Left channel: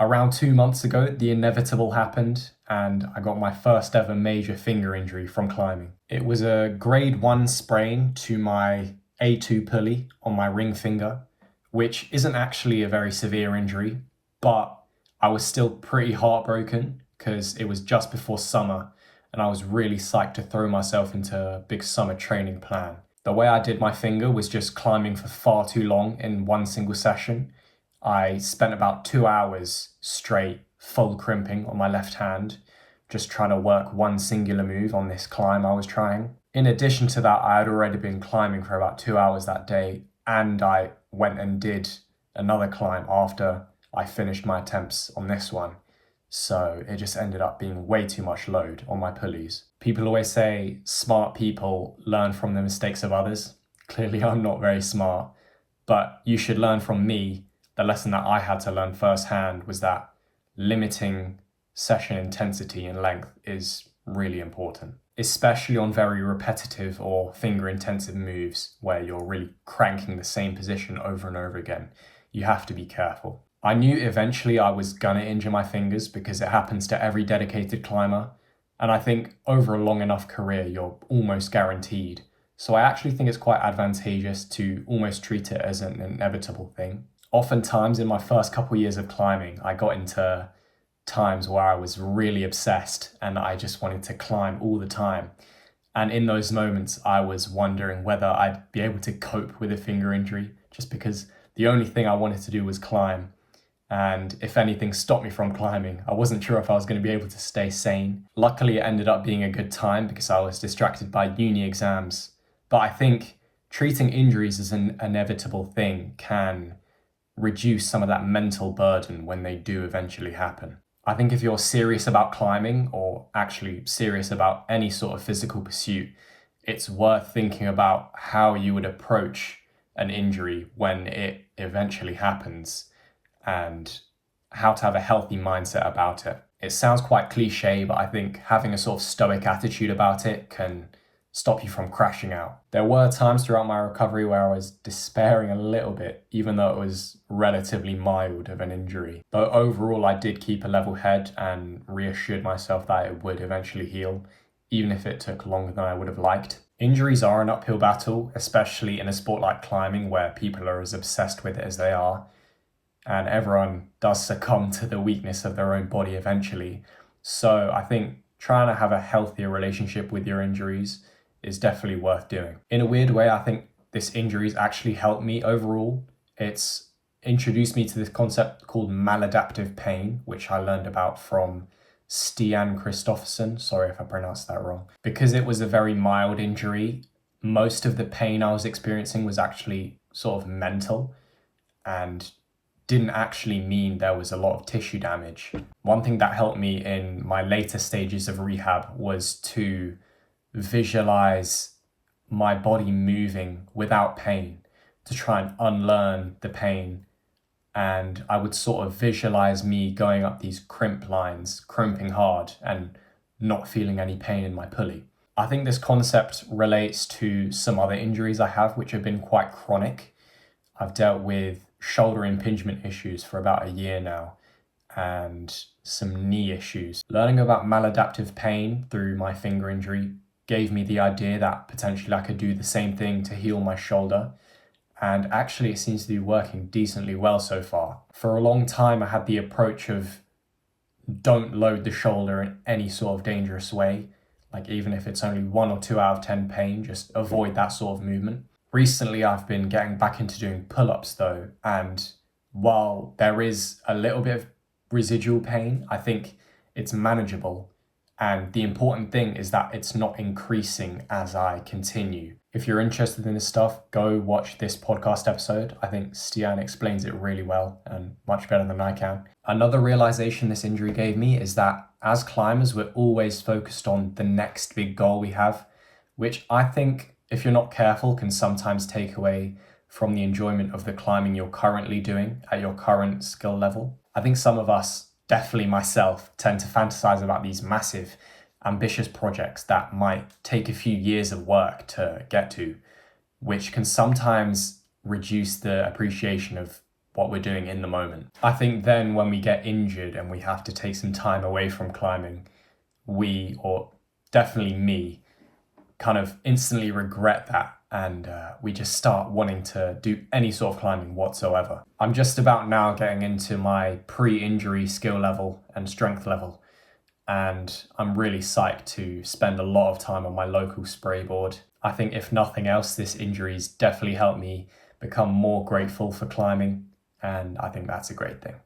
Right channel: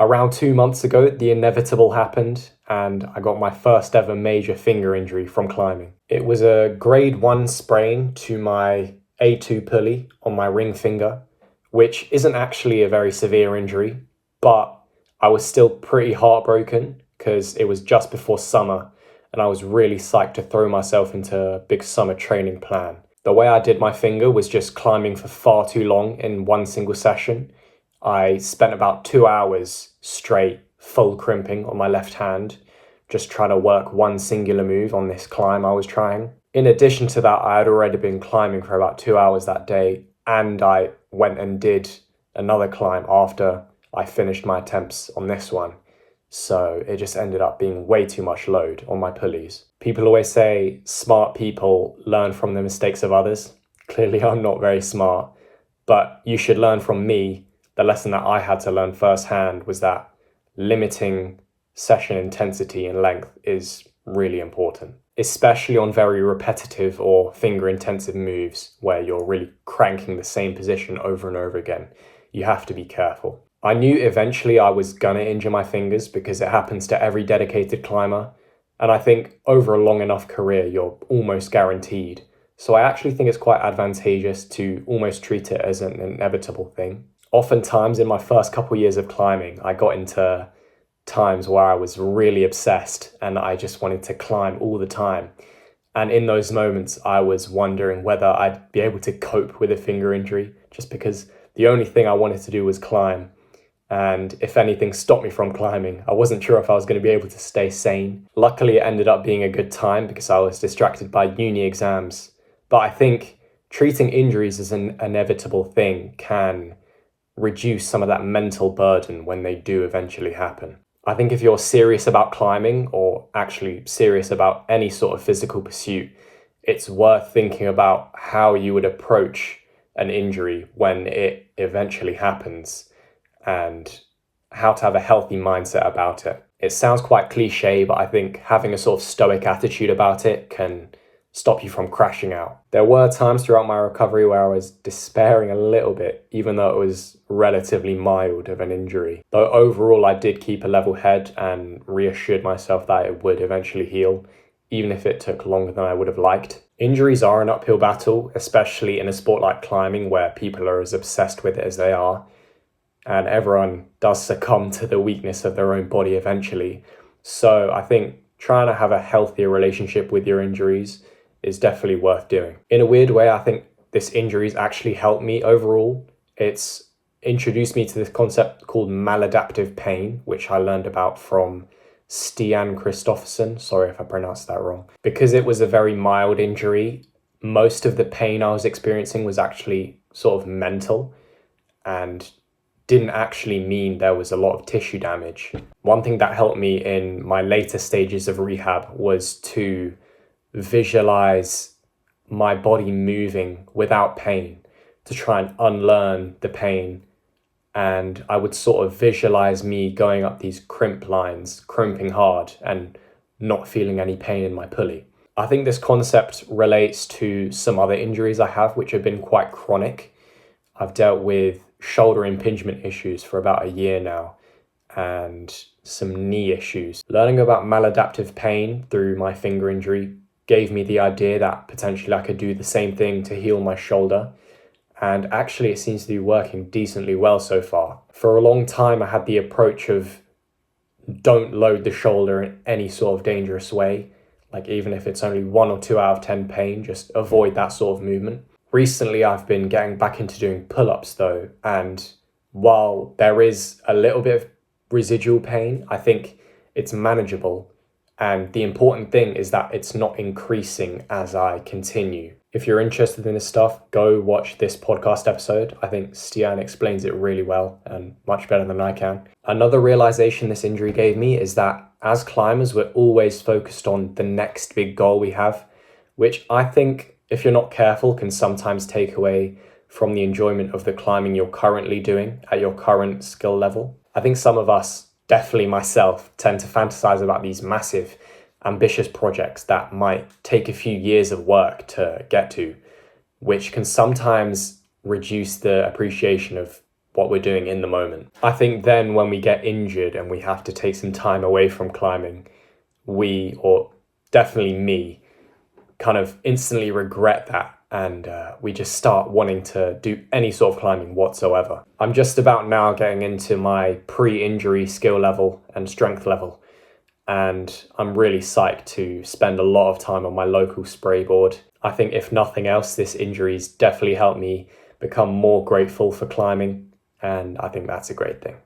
Around 2 months ago, the inevitable happened, and I got my first ever major finger injury from climbing. It was a grade 1 sprain to my A2 pulley on my ring finger, which isn't actually a very severe injury, but I was still pretty heartbroken because it was just before summer and I was really psyched to throw myself into a big summer training plan. The way I did my finger was just climbing for far too long in one single session. I spent about 2 hours straight, full crimping on my left hand, just trying to work one singular move on this climb I was trying. In addition to that, I had already been climbing for about 2 hours that day, and I went and did another climb after I finished my attempts on this one. So it just ended up being way too much load on my pulleys. People always say smart people learn from the mistakes of others. Clearly, I'm not very smart, but you should learn from me. The lesson that I had to learn firsthand was that limiting session intensity and length is really important, especially on very repetitive or finger intensive moves where you're really cranking the same position over and over again. You have to be careful. I knew eventually I was gonna injure my fingers because it happens to every dedicated climber. And I think over a long enough career, you're almost guaranteed. So I actually think it's quite advantageous to almost treat it as an inevitable thing. Oftentimes in my first couple years of climbing, I got into times where I was really obsessed and I just wanted to climb all the time. And in those moments, I was wondering whether I'd be able to cope with a finger injury just because the only thing I wanted to do was climb. And if anything stopped me from climbing, I wasn't sure if I was going to be able to stay sane. Luckily, it ended up being a good time because I was distracted by uni exams. But I think treating injuries as an inevitable thing can reduce some of that mental burden when they do eventually happen. I think if you're serious about climbing or actually serious about any sort of physical pursuit, it's worth thinking about how you would approach an injury when it eventually happens and how to have a healthy mindset about it. It sounds quite cliche, but I think having a sort of stoic attitude about it can stop you from crashing out. There were times throughout my recovery where I was despairing a little bit, even though it was relatively mild of an injury. Though overall, I did keep a level head and reassured myself that it would eventually heal, even if it took longer than I would have liked. Injuries are an uphill battle, especially in a sport like climbing where people are as obsessed with it as they are. And everyone does succumb to the weakness of their own body eventually. So I think trying to have a healthier relationship with your injuries is definitely worth doing. In a weird way, I think this injury's actually helped me overall. It's introduced me to this concept called maladaptive pain, which I learned about from Stian Christofferson. Sorry if I pronounced that wrong. Because it was a very mild injury, most of the pain I was experiencing was actually sort of mental and didn't actually mean there was a lot of tissue damage. One thing that helped me in my later stages of rehab was to visualize my body moving without pain, to try and unlearn the pain. And I would sort of visualize me going up these crimp lines, crimping hard and not feeling any pain in my pulley. I think this concept relates to some other injuries I have, which have been quite chronic. I've dealt with shoulder impingement issues for about a year now and some knee issues. Learning about maladaptive pain through my finger injury gave me the idea that potentially I could do the same thing to heal my shoulder. And actually it seems to be working decently well so far. For a long time, I had the approach of don't load the shoulder in any sort of dangerous way. Like even if it's only 1 or 2 out of 10 pain, just avoid that sort of movement. Recently, I've been getting back into doing pull-ups though. And while there is a little bit of residual pain, I think it's manageable. And the important thing is that it's not increasing as I continue. If you're interested in this stuff, go watch this podcast episode. I think Stian explains it really well and much better than I can. Another realization this injury gave me is that as climbers, we're always focused on the next big goal we have, which I think, if you're not careful, can sometimes take away from the enjoyment of the climbing you're currently doing at your current skill level. I think some of us, definitely myself, tend to fantasize about these massive, ambitious projects that might take a few years of work to get to, which can sometimes reduce the appreciation of what we're doing in the moment. I think then when we get injured and we have to take some time away from climbing, we, or definitely me, kind of instantly regret that, and we just start wanting to do any sort of climbing whatsoever. I'm just about now getting into my pre-injury skill level and strength level, and I'm really psyched to spend a lot of time on my local spray board. I think if nothing else, this injury's definitely helped me become more grateful for climbing, and I think that's a great thing.